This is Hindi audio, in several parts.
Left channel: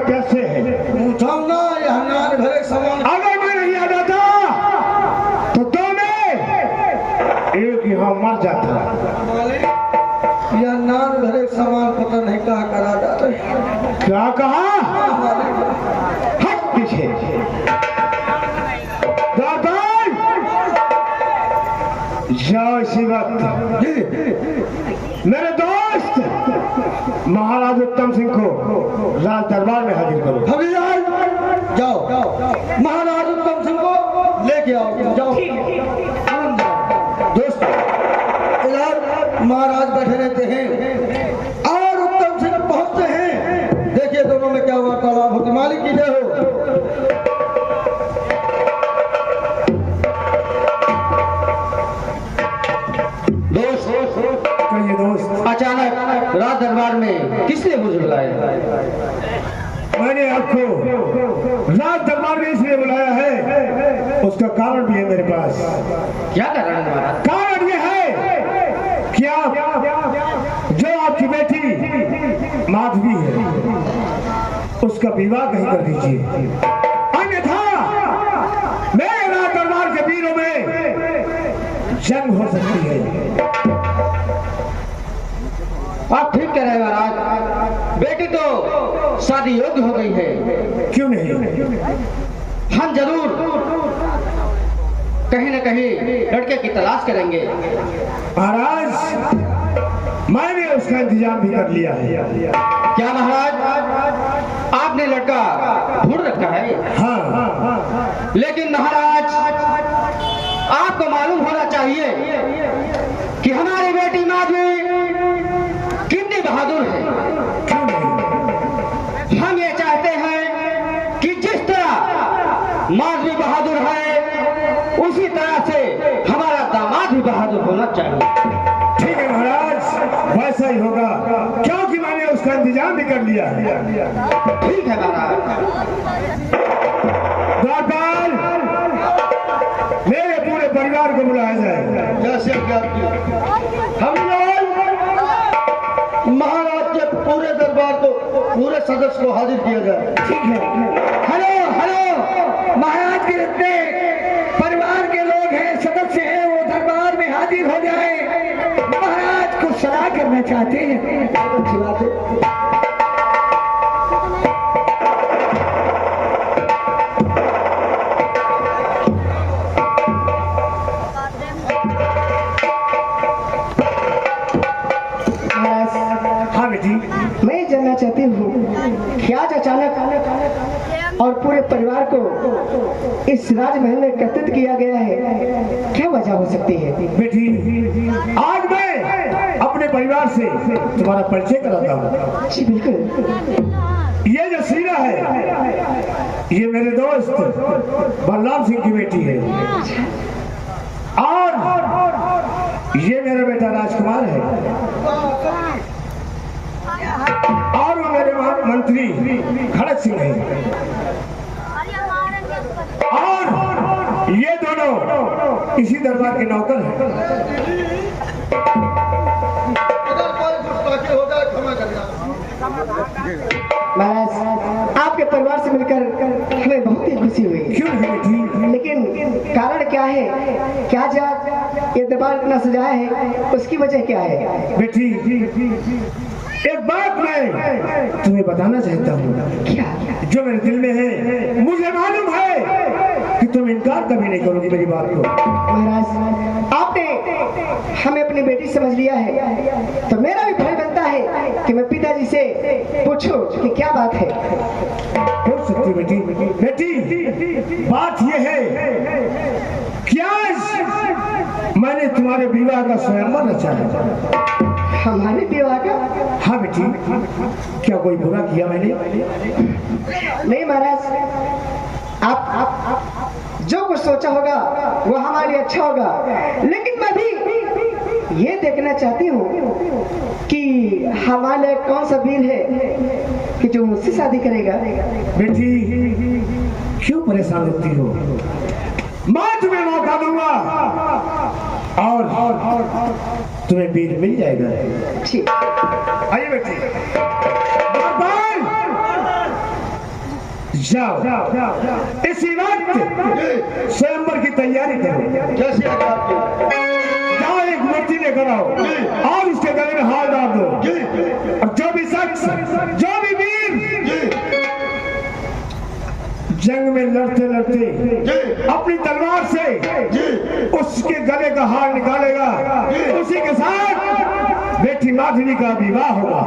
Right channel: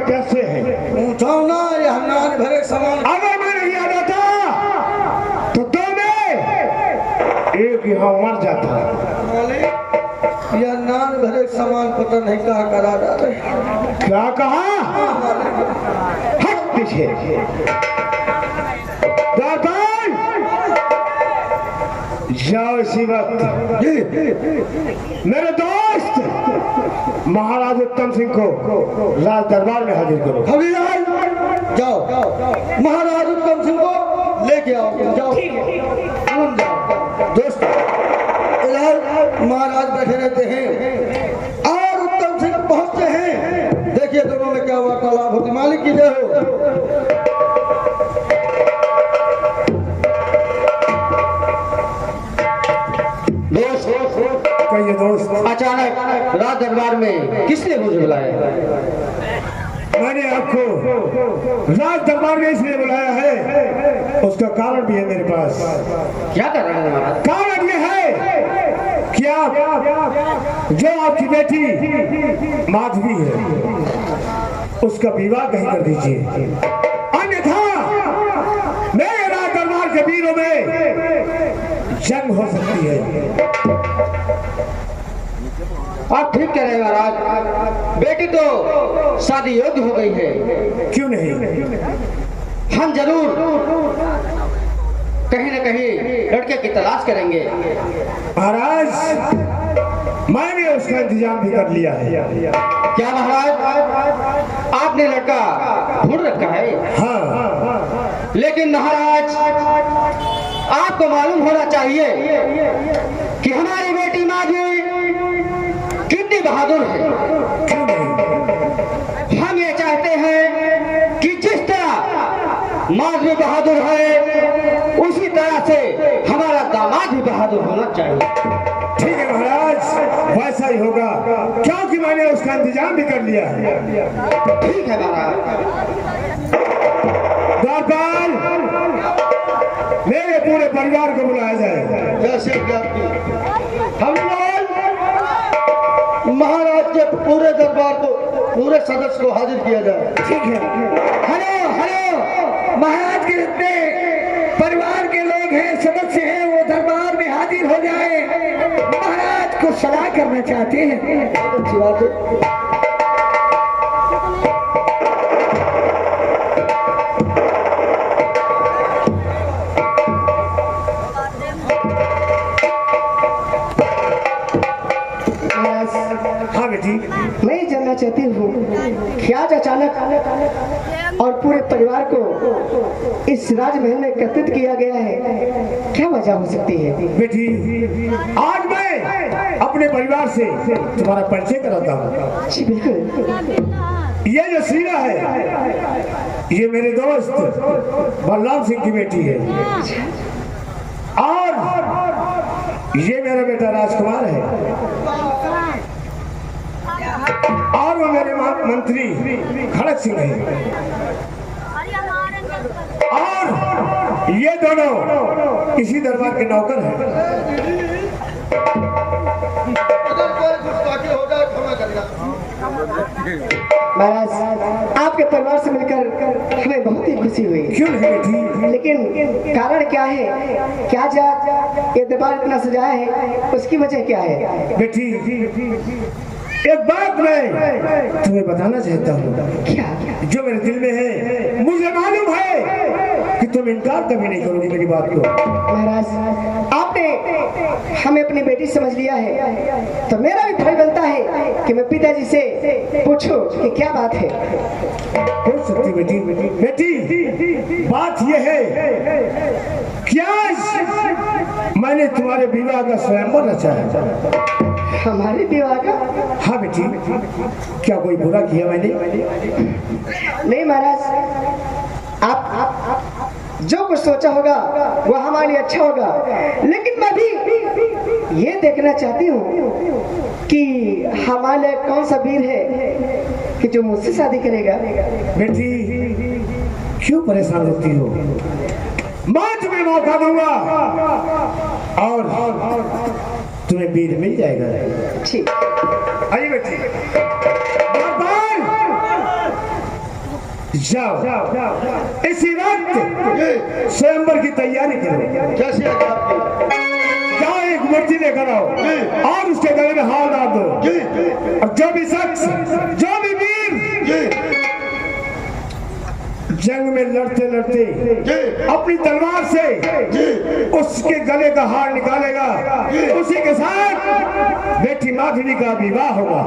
प्यासे हैं। उठाओ ना ये हमारे भरे सामान। अगर मैं नहीं आ जाता तो तुम्हें एक यहाँ मर जाता। यह नान भरे सामान पता नहीं कहा करा डाले। क्या कहा? हट पीछे। जाओ इसी वक्त मेरे दोस्त महाराज उत्तम सिंह को राज दरबार में हाजिर करो। हविलाल जाओ महाराज उत्तम सिंह को लेके आओ। जाओ दोस्त महाराज बैठे रहते हैं और उत्तम सिंह पहुंचते हैं। देखिए दोनों में क्या वार्तालाप होती। मालिक की जय हो। कहिए दोस्त, अचानक राज दरबार में किसने मुझे बुलाया? मैंने आपको राज दरबार में इसलिए बुलाया है, उसका कारण भी है मेरे पास। क्या कारण है? कारण ये है कि आप जो आपकी बेटी माधवी है उसका विवाह कहीं कर दीजिए, अन्यथा मेरे राज दरबार के वीरों में जंग हो सकती है। आप ठीक कह रहे हैं महाराज। बेटी तो शादी योग्य हो गई है। क्यों नहीं? हम जरूर कहीं न कहीं लड़के की तलाश करेंगे। महाराज मैंने उसका इंतजाम भी कर लिया है। क्या महाराज आपने लड़का ढूंढ रखा है? हाँ, लेकिन महाराज आपको मालूम होना चाहिए कि हमारी बेटी माधवी कितनी बहादुर है। क्यों नहीं? हम ये चाहते हैं कि जिस तरह माधवी बहादुर है उसी तरह से हमारा दामाद भी बहादुर होना चाहिए। ठीक है महाराज, वैसा ही होगा क्योंकि मैंने उसका इंतजाम भी कर लिया है। ठीक है महाराज। द्वारपाल, मेरे पूरे परिवार को बुलाया जाए। जैसे हम महाराज के पूरे दरबार को, पूरे सदस्य को हाजिर किया जाए। ठीक है। हेलो हेलो, महाराज के जितने परिवार के लोग हैं, सदस्य हैं, वो दरबार में हाजिर हो जाए। महाराज को सलाह करना चाहते हैं। अच्छी बात है। हाँ बेटी, मैं जानना चाहती हूँ कि आज अचानक और पूरे परिवार को इस राजमहल में एकत्रित किया गया है, क्या वजह हो सकती है? बेटी आज मैं अपने परिवार से तुम्हारा परिचय कराता हूँ। जी बिल्कुल। ये जो सीना है ये मेरे दोस्त बलराम सिंह की बेटी है और ये मेरा बेटा राजकुमार है और वो मेरे मंत्री खड़क सिंह है और ये दोनों इसी दरबार के नौकर हैं। महाराज आपके परिवार से मिलकर हमें बहुत ही खुशी हुई। क्यों है बेटी? लेकिन कारण क्या है? क्या आज ये दरबार इतना सजाया है, उसकी वजह क्या है? बेटी एक बात मैं तुम्हें बताना चाहता हूँ। क्या? जो मेरे दिल में है मुझे मालूम है कि तुम इनकार कभी नहीं करोगी मेरी बात को। महाराज आपने हमें अपनी बेटी समझ लिया है तो मेरा भी फर्ज बनता है कि मैं पिताजी से पूछूं कि क्या बात है। हो सकती बेटी। बेटी बात यह है कि आज मैंने तुम्हारे विवाह का स्वयंवर रचा है। हमारे विवाह का? हाँ बेटी, क्या कोई बुरा किया मैंने? नहीं महाराज, आप जो कुछ सोचा होगा वो हमारे लिए अच्छा होगा, लेकिन मैं भी ये देखना चाहती हूँ कि हमारे कौन सा वीर है कि जो मुझसे शादी करेगा। बेटी क्यों परेशान होती हो? मैं तुम्हें मौका दूंगा और तुम्हें वीर मिल जाएगा। ठीक। आइए बेटी। जाओ इसी वक्त स्वयंवर की तैयारी करो। कैसी है आपकी? जाओ एक मूर्ति लेकर आओ और उसके गले में हाथ डाल दो, और जो भी शख्स, जो भी वीर जंग में लड़ते लड़ते अपनी तलवार से उसके गले का हार निकालेगा, उसी के साथ बेटी माधवी का विवाह होगा।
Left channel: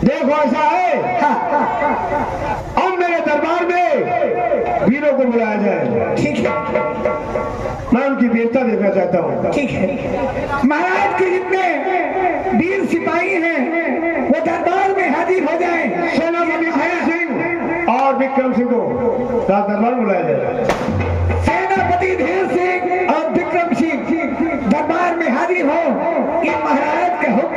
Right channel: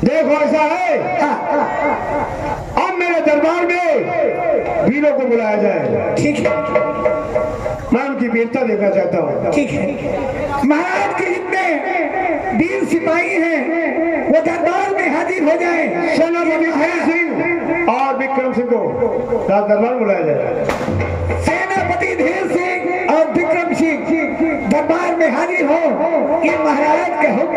देखो ऐसा है, अब मेरे दरबार में वीरों को बुलाया जाए। ठीक है, मैं उनकी वीरता देखना चाहता हूँ। ठीक है। महाराज के जितने वीर सिपाही हैं वो दरबार में हाजिर हो जाएं। सेनापति धीर सिंह और विक्रम सिंह को दरबार में बुलाया जाए। सेनापति धीर सिंह और विक्रम सिंह दरबार में हाजिर हो, ये महाराज के हुक्म है।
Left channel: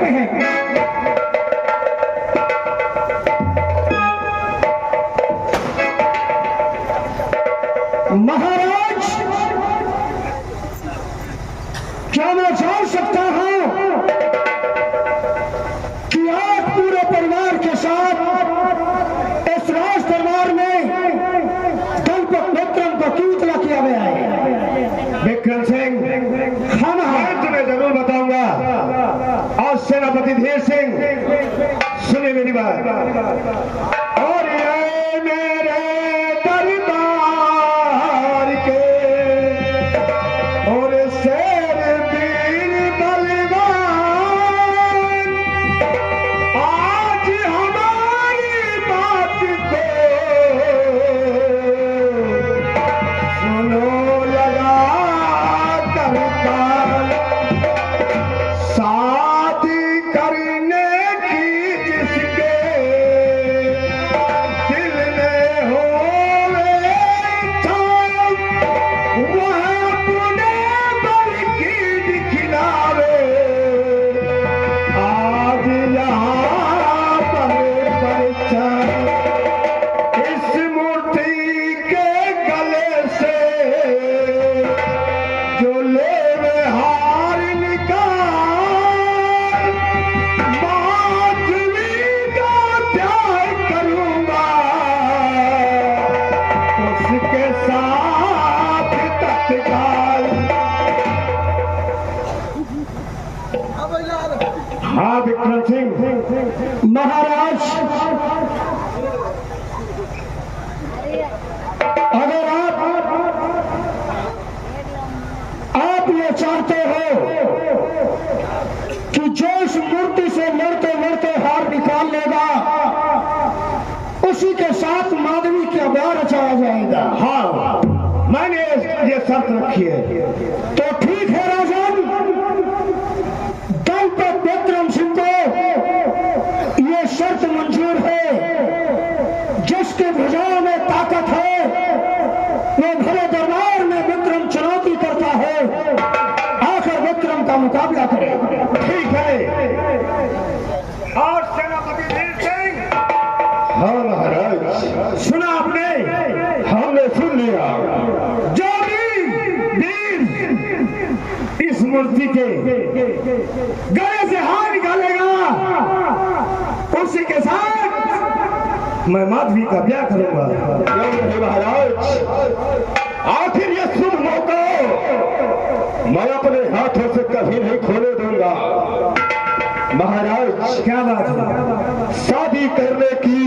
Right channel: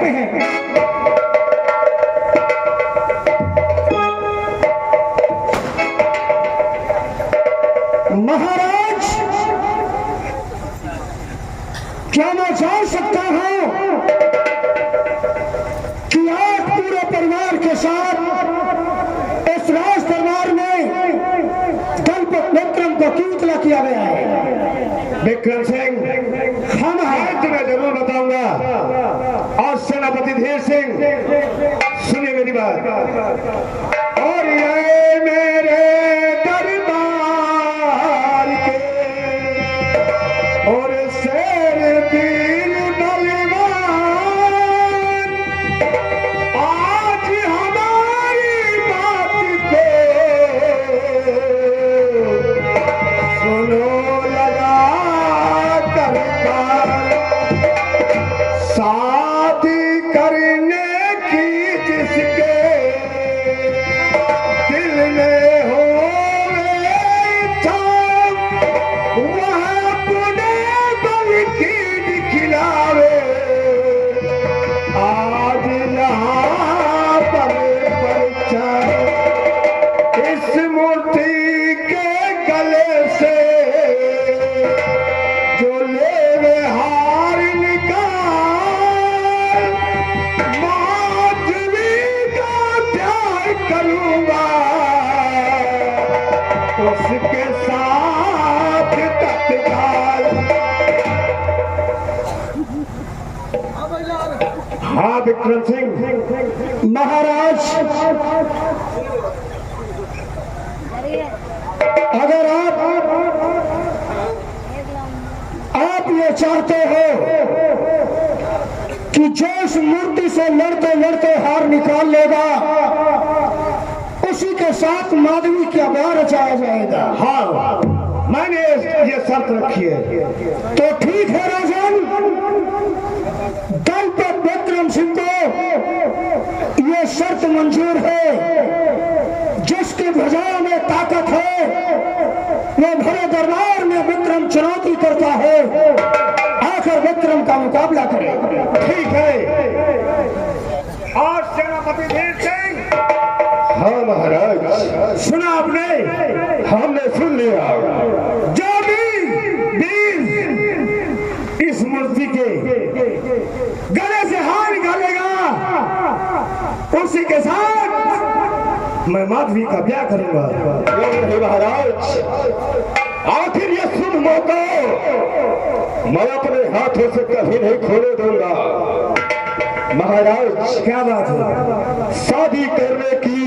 महाराज, क्या मैं जान सकता हूं कि आप पूरे परिवार के साथ इस राज दरबार में दलपत विक्रम को क्यों इतला किया गया है? विक्रम सिंह, हम आज मैं जरूर बताऊंगा। आज सेनापति धीर सिंह सुने मेरी बात, और ये मेरे दरबार के और शेर वीर बलवान, आज हमारी बात को सुनो लगा कर शादी करने की जिसके दिल में हो इच्छा, वह अपने बल की दिखलावे। आज यहाँ पर परिचय इस मूर्ति के गले से जो लेवे हार निकाल, माधवी का प्यार करूंगा, उसके साथ तत्काल। हाँ विक्रम सिंह, महाराज, अगर आप ये चाहते हो कि जो इस मूर्ति से लड़ते लड़ते हार निकाल लेगा उसी के साथ माधवी का ब्याह रचाया जाएगा। हाँ मैंने ये शर्त रखी है। तो ठीक है राजन, दलपत विक्रम सिंह को ये शर्त मंजूर है। जिसकी भुजाओं में ताकत है वो भले दरबार में विक्रम चुनौती करता है, आकर विक्रम का मुकाबला करे। ठीक है। और सेनापति धीर सिंह, हाँ महाराज, सुना आपने? हमने सुन लिया। जो भी वीर इस मूर्ति के गले से हार निकालेगा, उसी के साथ मैं माधवी का ब्याह करूंगा। नहीं महाराज, आखिर ये शुभ मौका मैं अपने हाथों से कभी नहीं खोने दूंगा। महाराज, क्या बात है? शादी करने की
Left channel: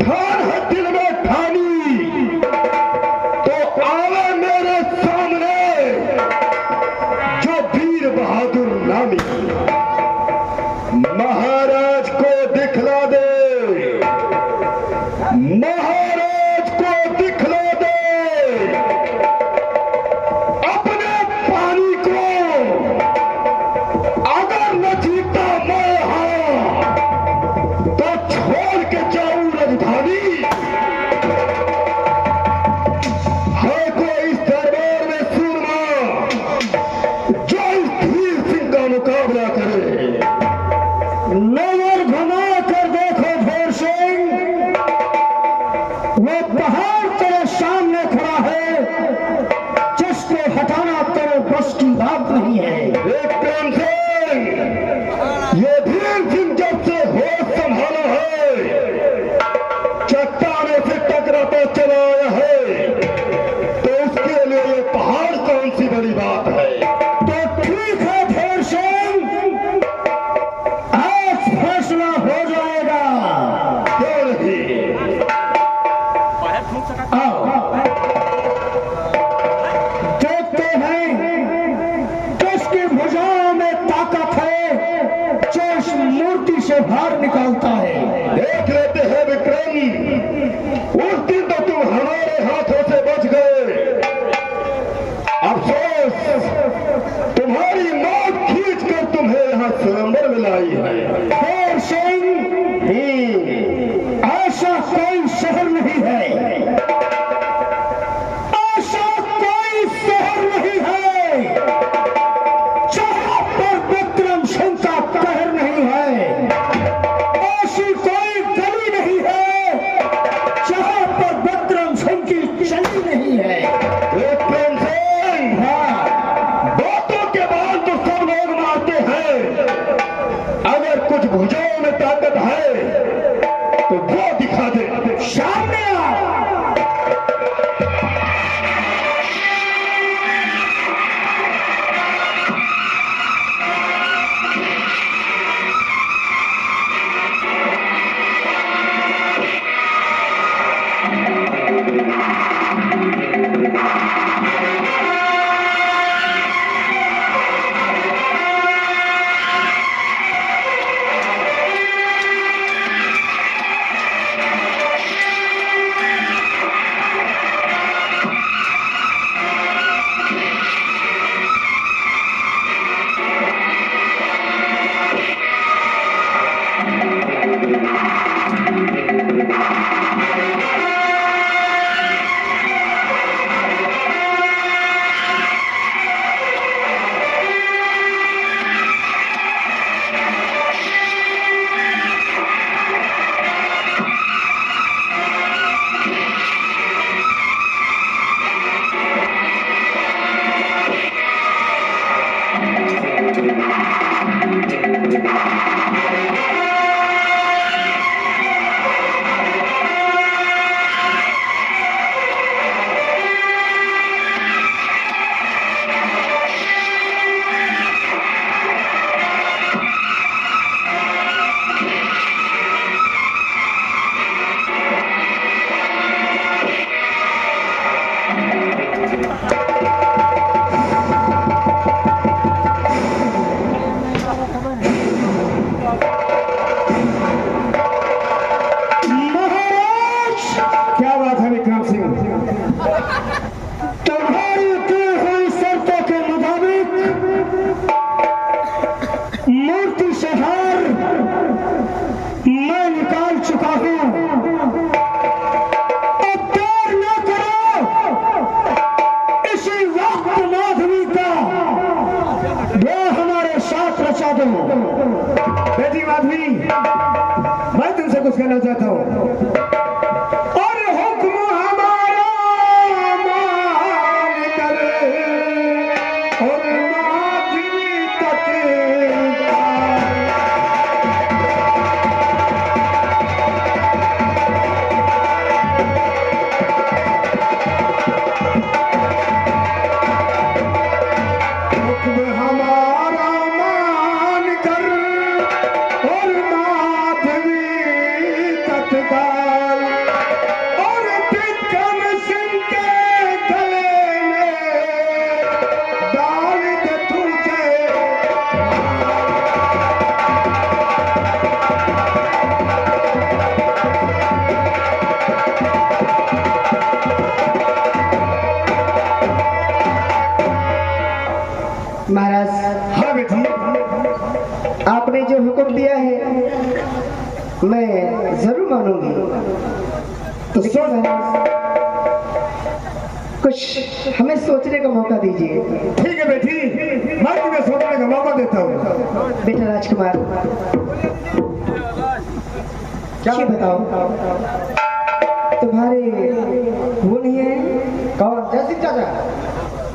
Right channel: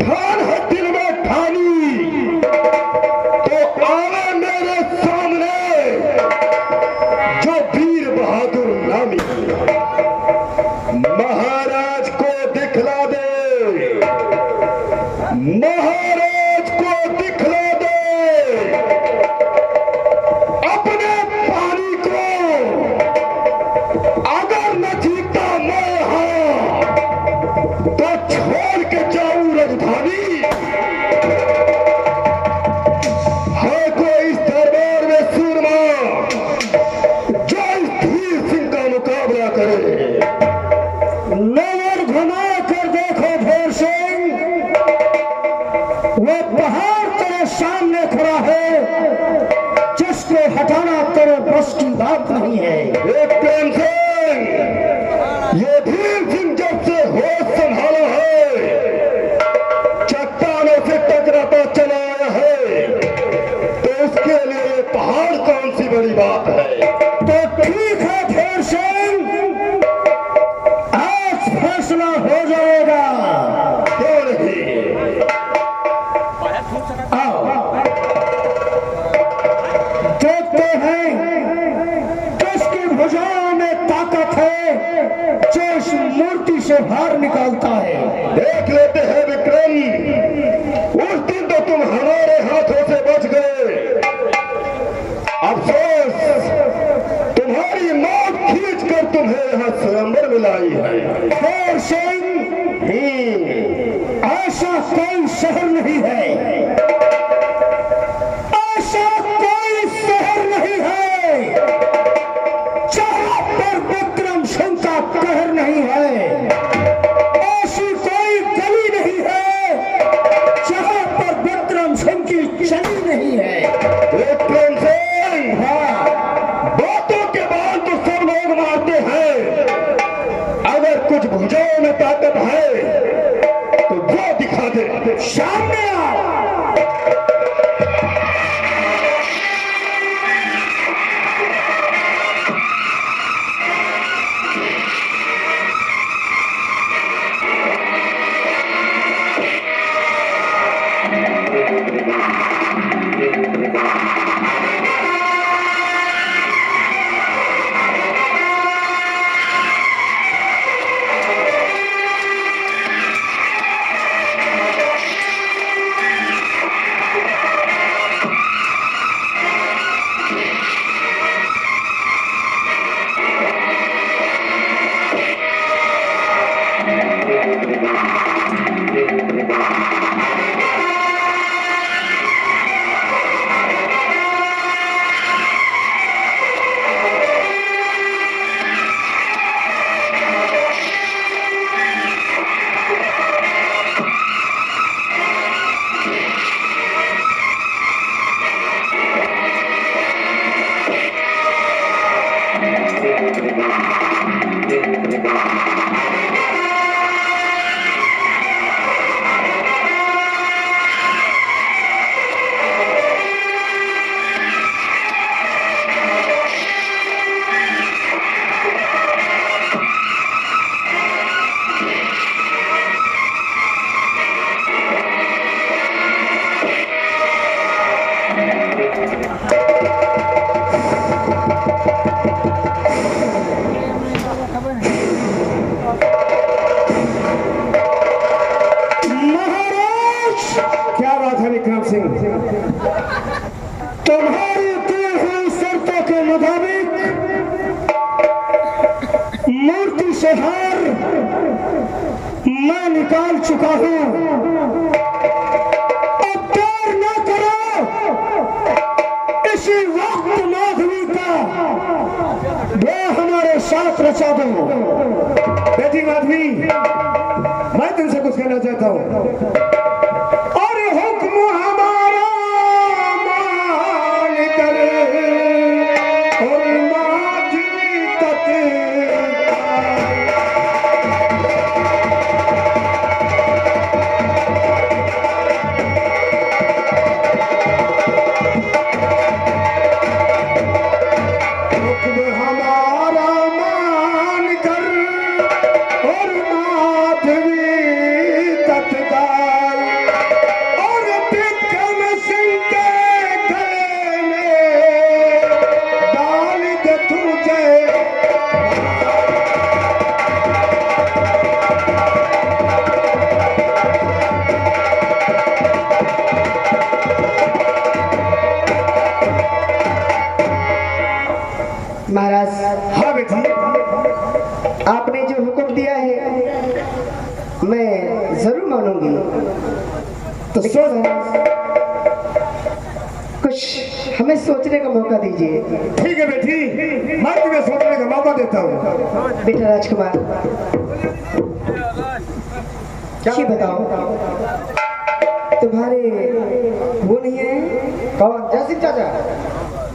ठान है दिल में ठानी, तो आवे मेरे सामने जो वीर बहादुर नामी, महाराज को दिखला दे, महाराज को दिखला दे अपने पानी को बस की बात नहीं है। विक्रम सिंह, ये भीम सिंह जब से होश संभाला है, चट्टानों से टकराता चला आया है, तो उसके लिए ये पहाड़ कौन सी बड़ी बात है। तो ठीक है फिर सिंह, आज फैसला हो जाएगा। क्यों नहीं? आओ देखते हैं किसकी भुजाओं में ताकत है जो इस मूर्ति से बाहर निकालता है। देख लेते हैं विक्रम, उस दिन तो तुम हमारे हाथों से बच गए। अफसोस, तुम्हारी मौत खींच कर तुम्हें यहाँ स्वयंवर में लाई है। फिर सिंह, ऐसा कोई शहर नहीं है, ऐसा कोई शहर नहीं है जहां पर विक्रम सिंह का कहर नहीं है, ऐसी कोई गली नहीं है जहां पर विक्रम सिंह की चली नहीं है। विक्रम सिंह, बातों के बाद तो सब लोग मानते हैं, अगर कुछ भुजाओं में ताकत है तो वो दिखा दे। सामने आओ। बेटी माधवी, मैं तुमसे कुछ कहना चाहता हूँ। अरे हुक्म हमारा मान कर और माधवी तक हुक्म हमारा मान कर और माधवी तत्काल और विक्रम सिंह के गले में डाल दे तुझे। महाराज, हाँ बेटी, आपने जो हुक्म दिया है मैं जरूर मानूंगी। तो लेकिन सोच, महाराज, कुछ हमें सोचने का मौका दीजिए। ठीक है बेटी, मैं तुम्हें सोचने का मौका देता हूँ। बेटा राजकुमार, ये बताओ, तुम्हारे वो नहीं है? कौन? जयसिंह चाचा।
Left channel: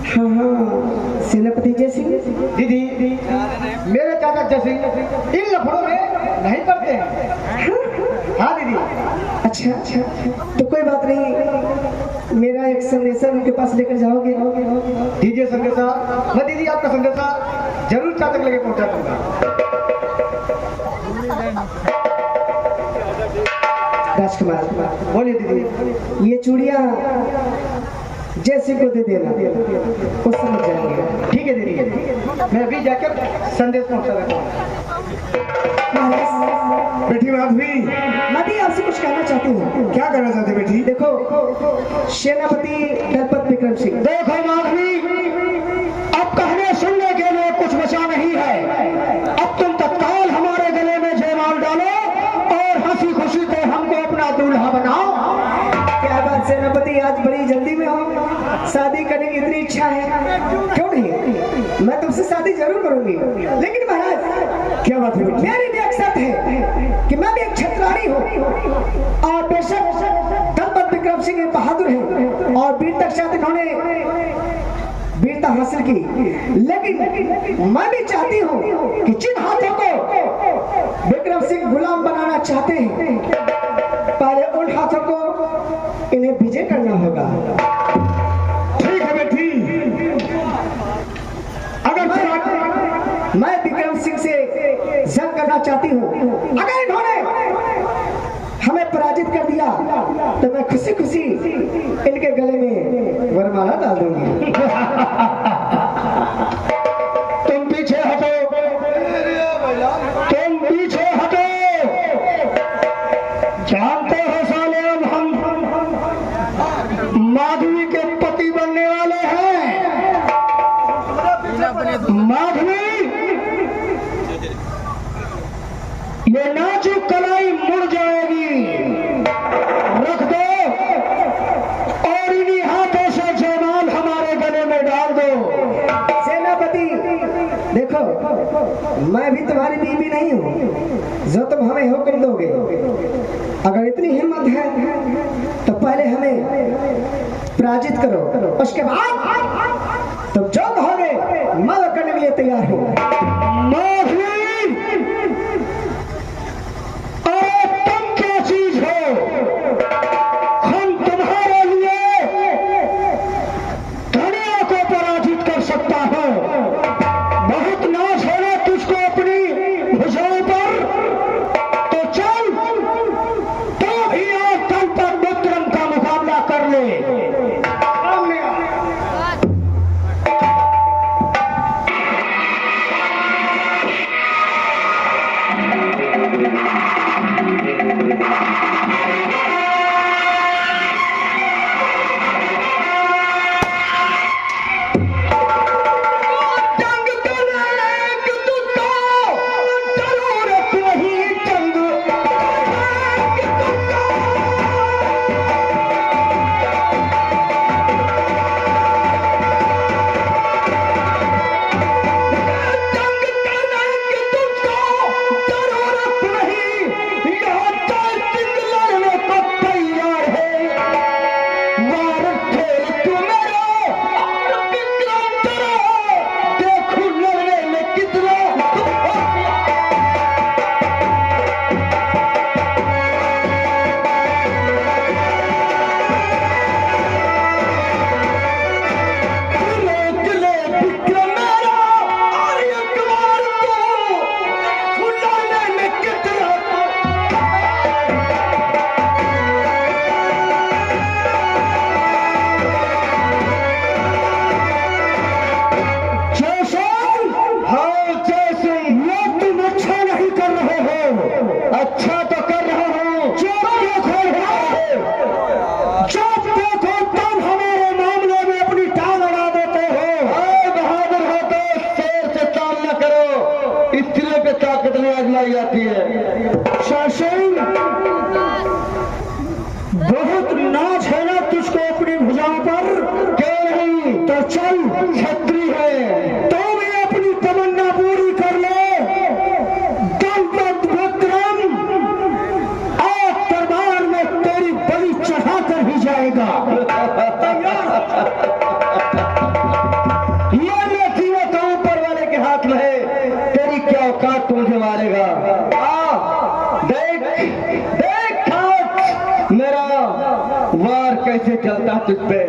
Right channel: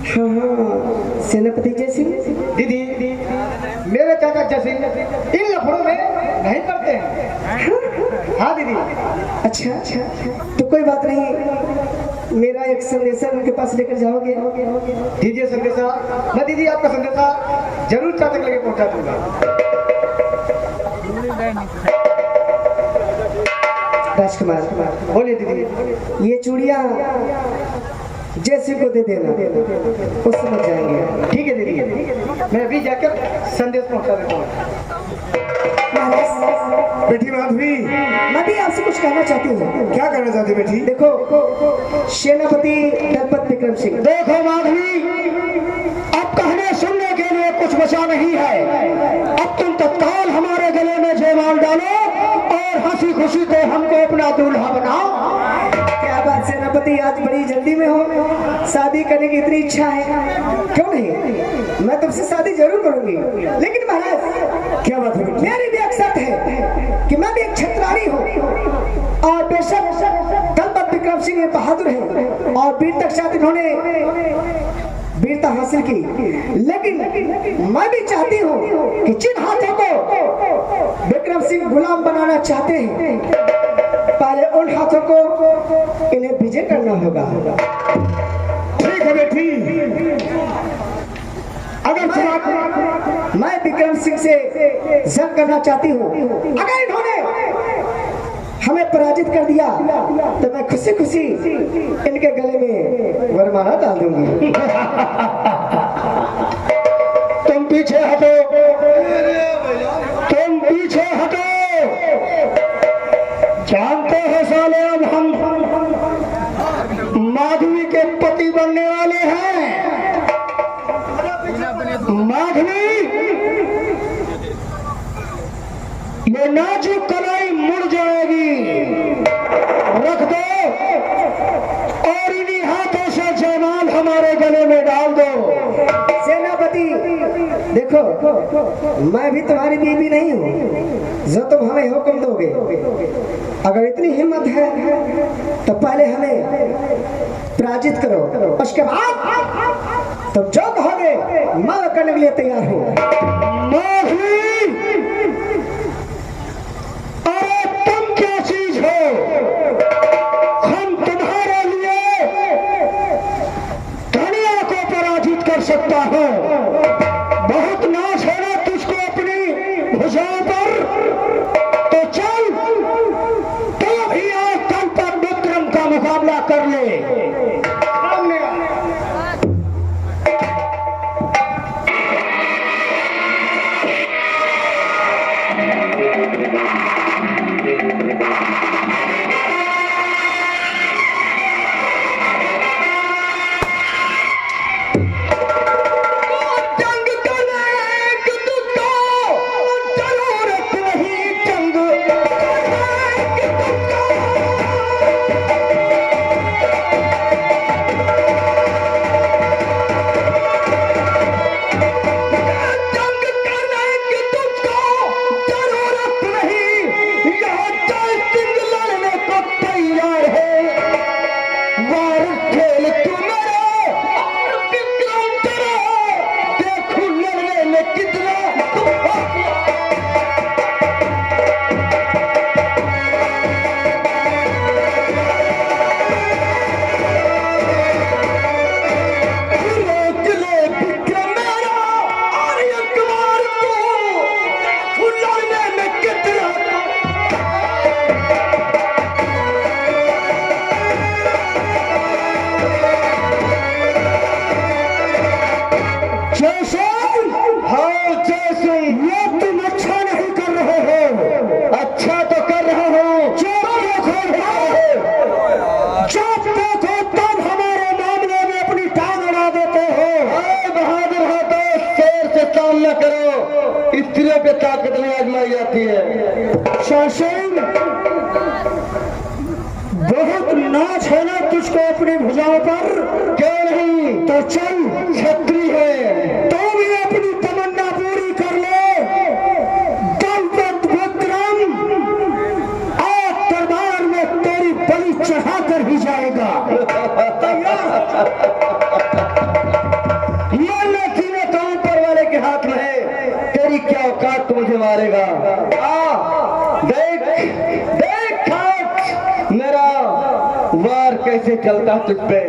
हाँ, सेनापति जय सिंह। दीदी मेरे चाचा जय सिंह इन लफड़ों में नहीं पड़ते हैं। हाँ दीदी। अच्छा, तो कोई बात नहीं, मेरा एक संदेशा उनके पास लेकर जाओगे? दीजिए संदेशा। मैं दीदी आपका संदेशा जरूर चाचा के लेके पहुंचा दूंगा। राजकुमार, बोलिए दीदी। ये चूड़ियाँ जैसे को दे देना, वो समझ जाएंगे। ठीक है दीदी, मैं अभी जाकर संदेश पहुंचा देता हूँ। बेटी माधवी, मैं भी आपसे कुछ कहना चाहती हूँ। क्या कहना चाहती बेटी? देखो सेनापति दलपत विक्रम सिंह, देखो माधवी, अब कहने सुनने के लिए कुछ बचा नहीं है। अब तुम तत्काल हमारे गले में जयमाल डालो और हंसी खुशी तो हमको अपना दूल्हा बनाओ। क्या बात सेनापति, आज बड़ी जल्दी में हो? शादी करने की इतनी इच्छा है? क्यों नहीं, मैं तुमसे शादी जरूर करूंगी। लेकिन महाराज, क्या बात है बेटी? मेरी भी एक शर्त है कि मैं भी एक क्षत्राणी हूँ और बेशक दलपत विक्रम सिंह एक बहादुर है और वीर तक शायद इन्होंने वीरता हासिल की, लेकिन मैं भी चाहती हूँ कि जिन हाथों को विक्रम सिंह गुलाम बनाना चाहते हैं, पहले उन हाथों को इन्हें विजय करना होगा। ठीक है बेटी, अगर मैं विक्रम सिंह से जंग करना चाहती हूँ। अगर इन्होंने हमें पराजित कर दिया तो मैं खुशी खुशी इनके गले में वरमाला डाल दूंगी। तुम पीछे हटो, तुम पीछे हटो। जानते हो सालेम, हम माधवी के पति बनने वाले हैं। माधवी, ये नाजुक कलाई मुड़ जाएगी, रख दो और इन्हीं हाथों से जयमाल हमारे गले में डाल दो। सेनापति देखो, मैं भी तुम्हारी बीवी नहीं हूँ जो तुम हमें हुक्म दोगे। अगर इतनी हिम्मत है तो पहले हमें पराजित करो, उसके बाद तुम जो कहोगे मैं वो करने के लिए तैयार हूँ। माधवी, अरे तुम क्या चीज हो? हम तुम्हारे लिए दुनिया को पराजित कर सकता हूं। बहुत नाच है ना तुझको अपनी भुजाओं पर, तो चल तो भी आज दलपत विक्रम का मुकाबला कर ले। सामने आ। कैसे चलता तुझ पे?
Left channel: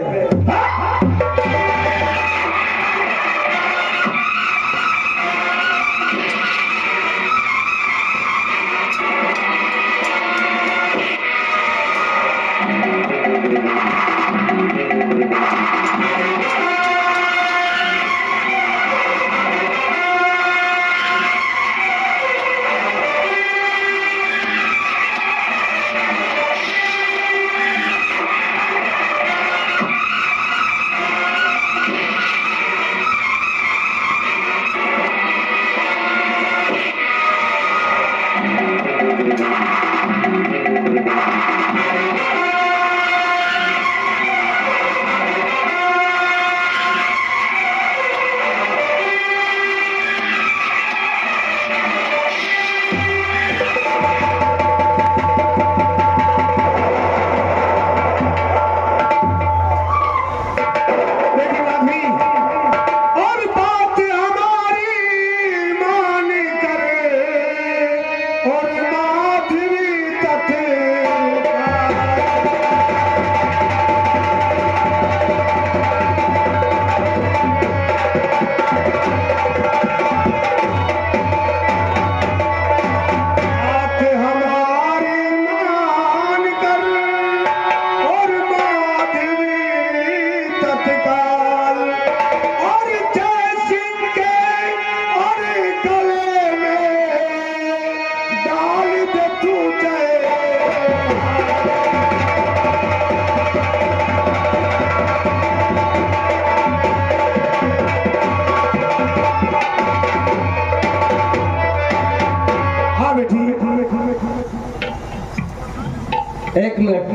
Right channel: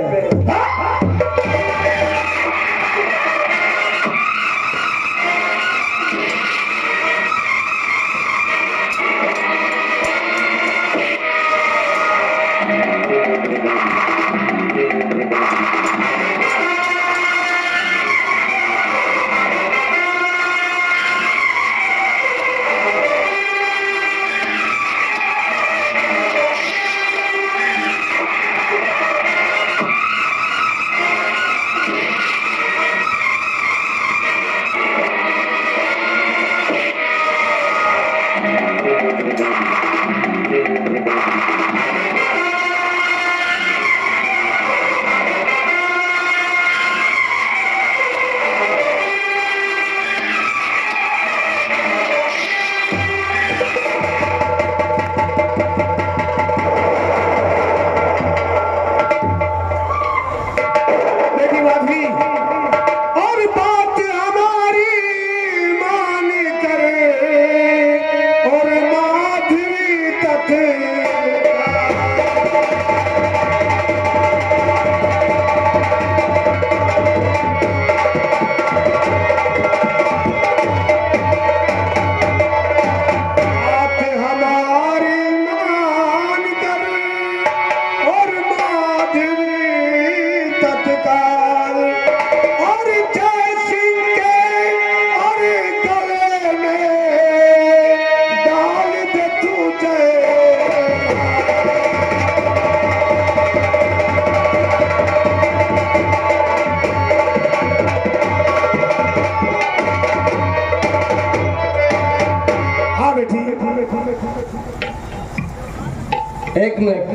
एक मिनट।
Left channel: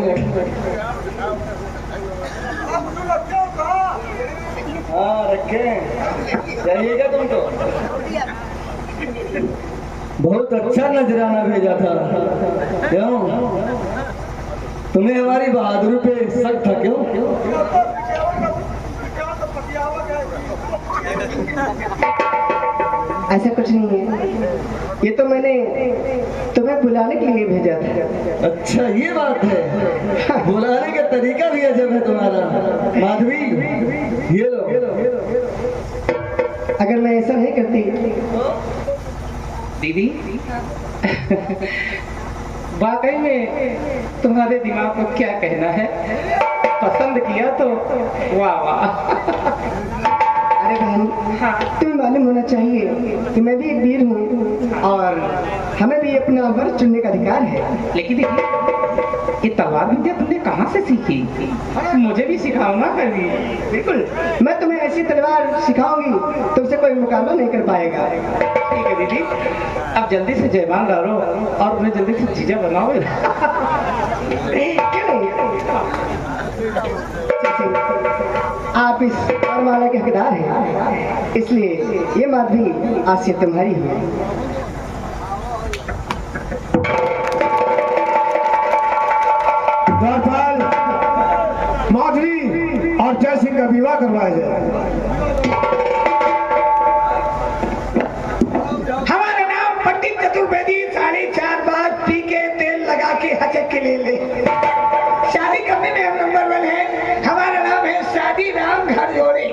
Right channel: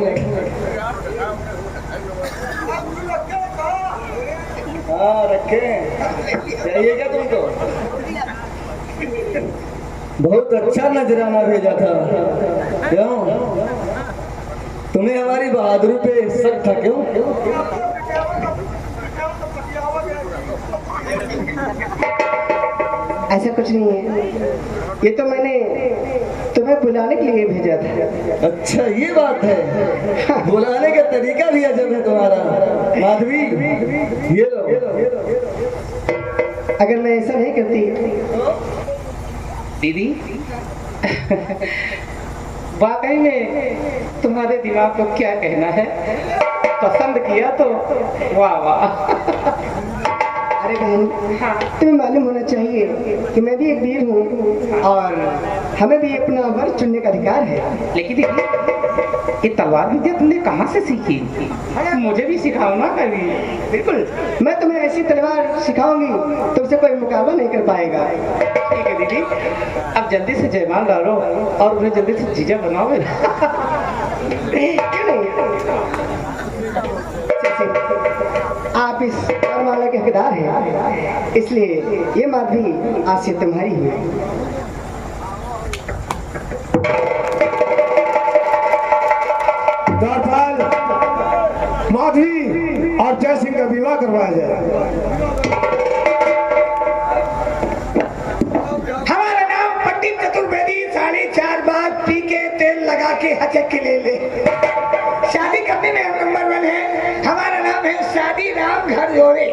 हाँ रखे जाइएगा तुमको। बहुत अच्छा नजराना भेजा था। क्यों तुम्हें हमारी बहादुरी पे शक था? क्यों? ऐसा कुछ नहीं है, ये तो मैंने तुम्हें बुलाने के लिए भेजा था। अच्छा ये बात है। बुलाने का तरीका भी अजब है तुम्हारा। माधवी ये लो। अगर मैं ऐसा नहीं करती दीदी वाकई में तुम्हारे दिमाग को क्या कहना है, पसंद किया तो वाह वाह। अरे बहन, तुम्हें मालूम होना चाहिए कि मैं भी एक वीर हूँ और हमें भी अपना वर्ग चुनने का अधिकार है। लेकिन ये तलवार विद्या तुमने कहाँ से सीखी? मुझे भी सिखाओ ना कभी। बिल्कुल, मैं तुम्हें ऐसी तलवार सिखाऊंगी तुमसे कोई मुकाबला नहीं कर पाएगा। ठीक है दीदी, अब जल्दी से जयमाल डालो और उन्हें जल्दी से जीजा बनाओ। आप इस वरमाला के हकदार हैं, इसलिए ये माधवी आज से तुम्हारी है। माधवी और जय सिंह का विवाह करवाया जाए। हमारा नाम पंडित चतुर्वेदी 4.5 बार पी के तेल लगा के हजक के ले ले। शादी करने में हम नंबर 1 है। हमारा नाम है शादी राम घर जोड़े।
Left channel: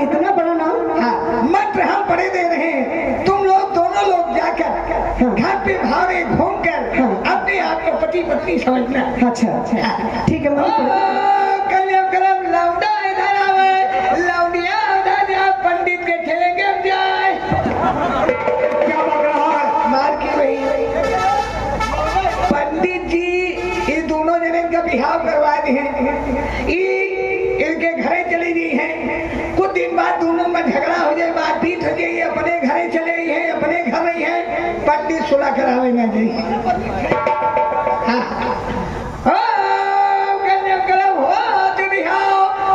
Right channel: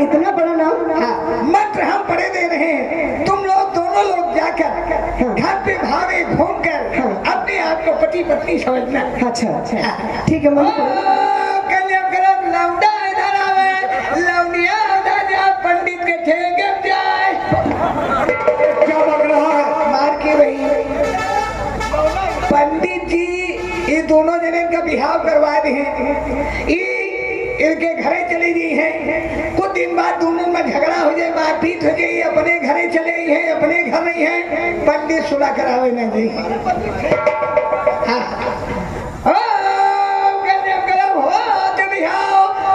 इतना बड़ा नाम। हाँ, मंत्र हम पढ़े दे रहे हैं। तुम लोग दोनों लोग जाकर घर पे भावे घूम कर अपने आप को पति पत्नी समझना। अच्छा ठीक है। पंडित के ठेके जाए। क्या बक रहा है? मार के भाई पंडित जी ये दोनों जने का बिहाव करवा दिए। इनके घरे चली गई है। कुछ दिन बाद दोनों में झगड़ा हो जाए, मारपीट हो गई, अपने घरे चले गई है, अपने घर नहीं है। पंडित सुलह करावे ना जी।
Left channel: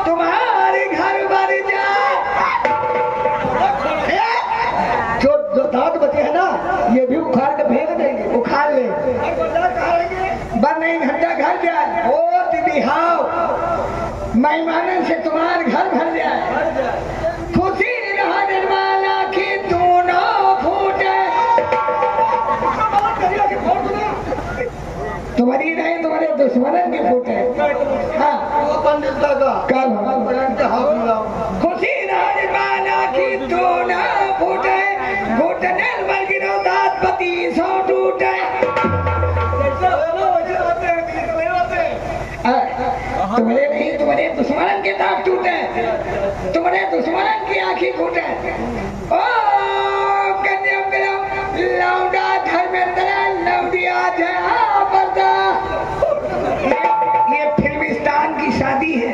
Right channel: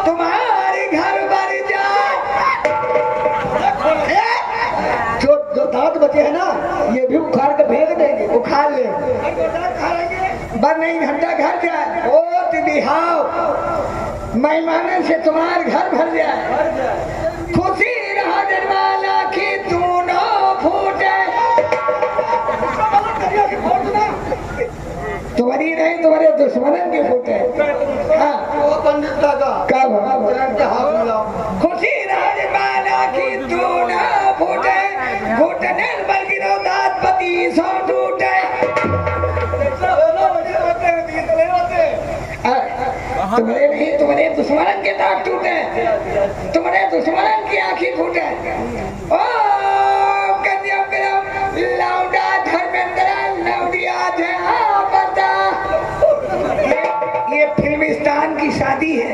तुम्हारे घर पर जो दांत बचे है ना, ये भी उखाड़ के फेंक देंगे। उखाड़ ले बन नहीं घंटा घर जाए। ओ बिहाव मेहमानन से तुम्हारे घर भर जाए। खुशी निर्माला की दोनों फूटे। तुम्हारी नहीं, तुम्हारे दुश्मनन की फूटे। हाँ क्या बात? हाथ मिलाओ। खुशी राजमाला की तू ना फूटे, घुटने पर गिरो दातपति सौ टूटे। तुम्हारे नहीं, तुम्हारे दुश्मन के दांत टूटे, तुम्हारे दुश्मन की आंखें फूटे। ओ कन्याकुमारी लौंडा धर्मेंद्र लौंडिया ये फिल्मिस्तान की शादी है।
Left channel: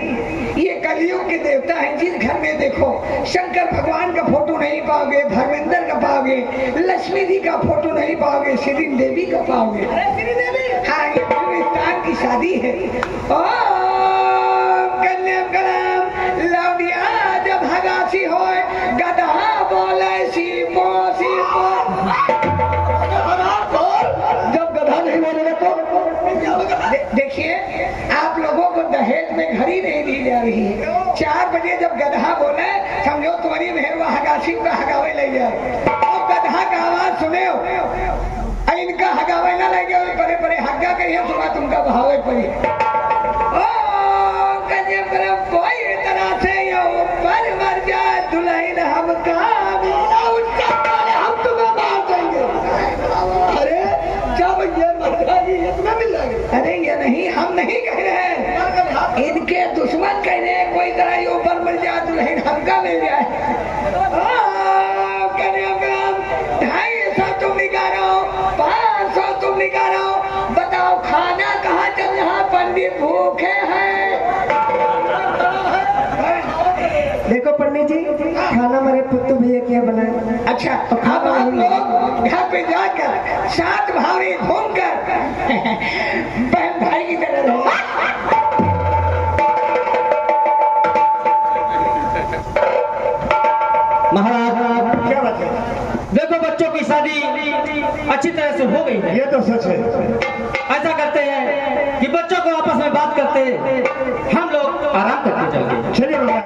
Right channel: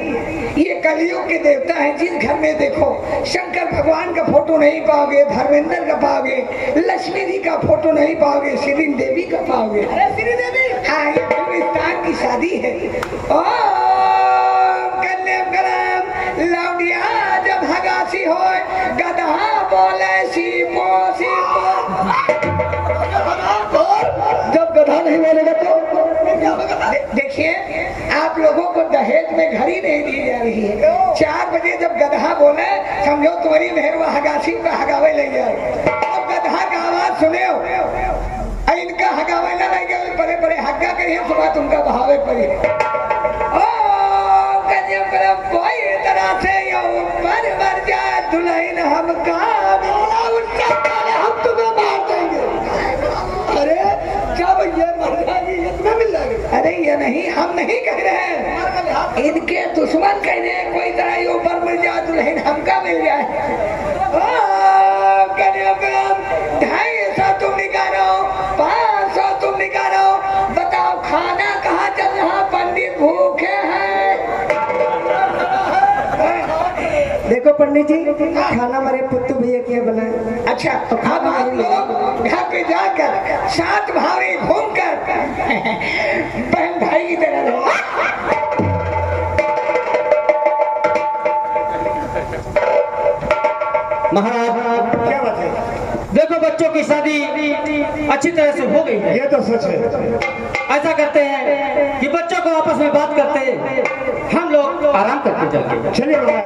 ये कलियुग के देवता है। जिस घर में देखो शंकर भगवान का फोटो नहीं पाओगे, धर्मेंद्र का पाओगे, लक्ष्मी जी का फोटो नहीं पाओगे, श्री देवी का पाओगे। श्री देवी, हाँ, ये फिल्मिस्तान की शादी है। ओ कन्याकुमारी लौंडिया जब भगासी हो, गधा बोले सीपो सीपो। जब गधा नहीं बोलेगा तो देखिए, आप लोगों को दहेज में घड़ी नहीं दी जा रही है। 4 बजे जब गधा बोले, समझो तुम्हारी मेहरबा हगासी पे हगावे ले जाए। और गधा का आवाज सुने हो, इनका हगावे ना लगे, बड़े बड़े हग्गा करिए, सुबह तुमका बहावे पड़िए। कोई तरह से यो मर जाए दुल्हन हमका, हम तुम्हें मार देंगे। अरे जब ये मर जाएगी ये तुम्हें मिल जाएगी। अरे ये नहीं, हम नहीं कह रहे हैं, इनके दुश्मन कह रहे हैं। कोई तरह ये ऊपर मिल जाए दुल्हन हमका मिल जाए। 250 तुम निकालो, 500 तुम निकालो, बताओ खाना कहाँ चल रहा? पंडित भूखे हैं। देखो पंडित जी, खाना हमारे पुत्र भैया के यहाँ बनाया। अच्छा, अब आप लोग घर पे जाकर 7 भावे घूमकर बहन भाई की तरह रहो। महाराज, क्या बात है? देखो बच्चों की शादी अच्छी तरह से हो गई है। ये तो सच है। ऐसा करते हैं कि बच्चों को आपस में बात करते, हम लोग आराम करते चलते। चलिए।